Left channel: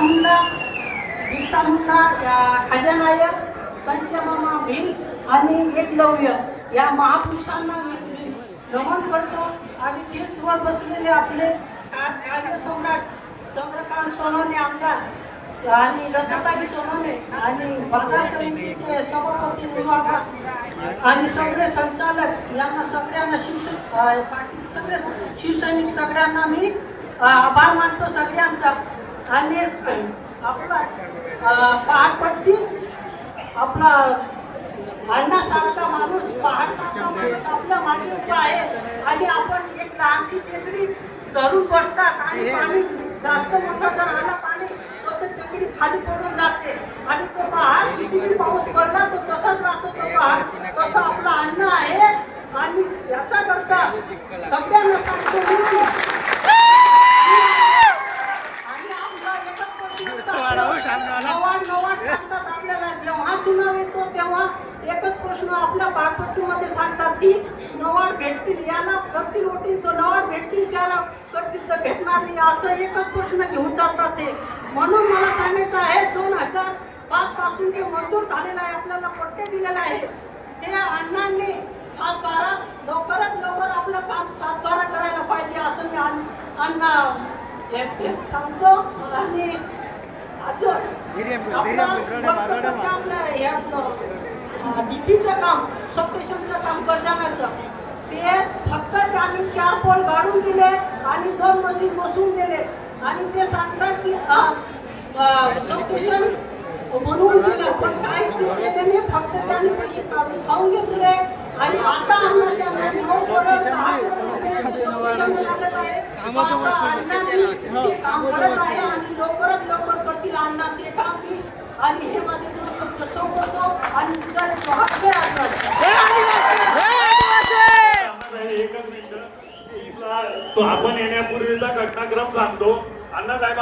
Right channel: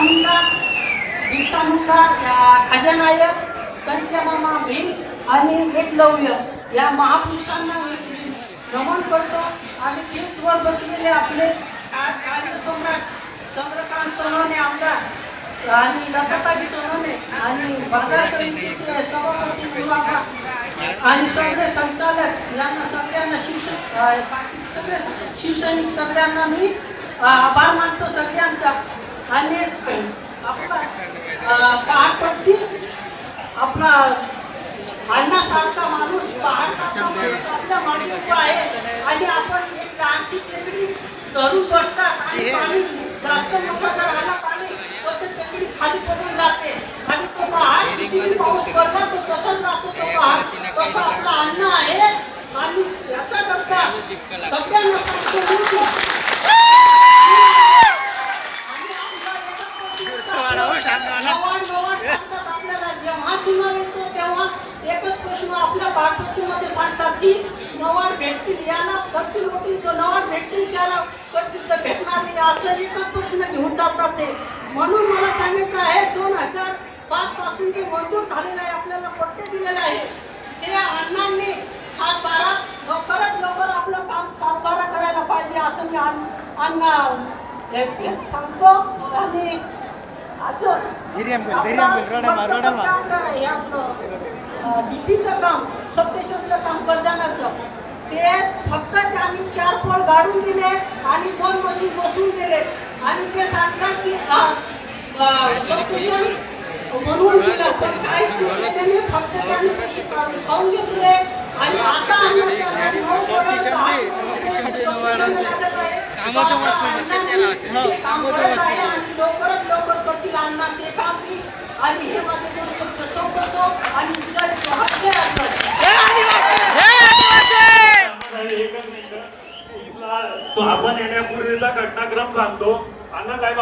मुंडा बिरसा मुंडा या खजानायक मामा भील आणि एकलव्य या महापुरुषांना नमन करतो आणि पीचवर बसलेले आपले कार्यसम्राट चंद्रकांत सोनवणे आमदार आणि लताताई सोनवणे आणि बाजार समितीचे सभापती विभागा आणि सगळे संचालक यांना सगळ्यांना शिक्षक बाकी सगळे शिवसैनिक सगळ्यांना मी आभार मानतो सगळ्यांचा. आणि आपला पहाडपट्टी आपला अण्णासारखा माणूस पहाडसारखा माणूस आपल्या मागे उभा आहे आणि आपण एक लहानशी टेकडी धरून बसतात आणि पाणी जास्त मोठं जर आला पाणी तर ते टेकडी खाली पडून जाते. आणि तो पहाड किती पाऊस पडला तो तसाच राहतो तो पहाड तसा आपला अण्णा आहे. आणि याचा करता सगळ्यांना सांगतो मी की आणि आमचा एकच प्रश्न असतो, नवाड नवाड सांगतात आपल्याला जेव्हा चुनाव येतो तेव्हा प्रश्न आपल्या पाककृतीमध्ये सांगतात की नवाड भेटतील याला करतील होतील तर नवाड भेटतील त्याला करतील तर भेटणार नाही असं एकच प्रश्न घेऊन चालतात ते म्हणून मला सांगायचं आहे दोन हजार पाच पासून जे मंजूर झालेलं आहे आपल्याला पट्टे दिलेलं आहे ते अण्णांनी सात बारा लवकरात लवकर आपलं काम सात बारा करायला पाहिजे असं मी अण्ण- हे- हे सांगतो आणि अजून डीपीचं काम सबस्टेशनचं काम कर्जानाचं ते फक्त त्यांनी चार पोल गाडून दिले आणि दोन मशीन बसवून दिले. आणि ते सांगतात की सबस्टेशन म्हणून दिलं. पण काहीच दिलं त्यांनी? फक्त त्यांनी पैसे काढून खाऊन घेतले. आणि आता त्यांना नऊ substation लागत आहे. कामाचं आता वाचन अण्णांनी ते काम करत आहे आणि लवकरात लवकर करतील अण्णा ते काम मी आणि हे माझे दोन शब्द संपवतो आणि जय नाही, एकच आपण येण्यापूर्वीचा घटनाक्रम सांगतो. अण्णासाहेब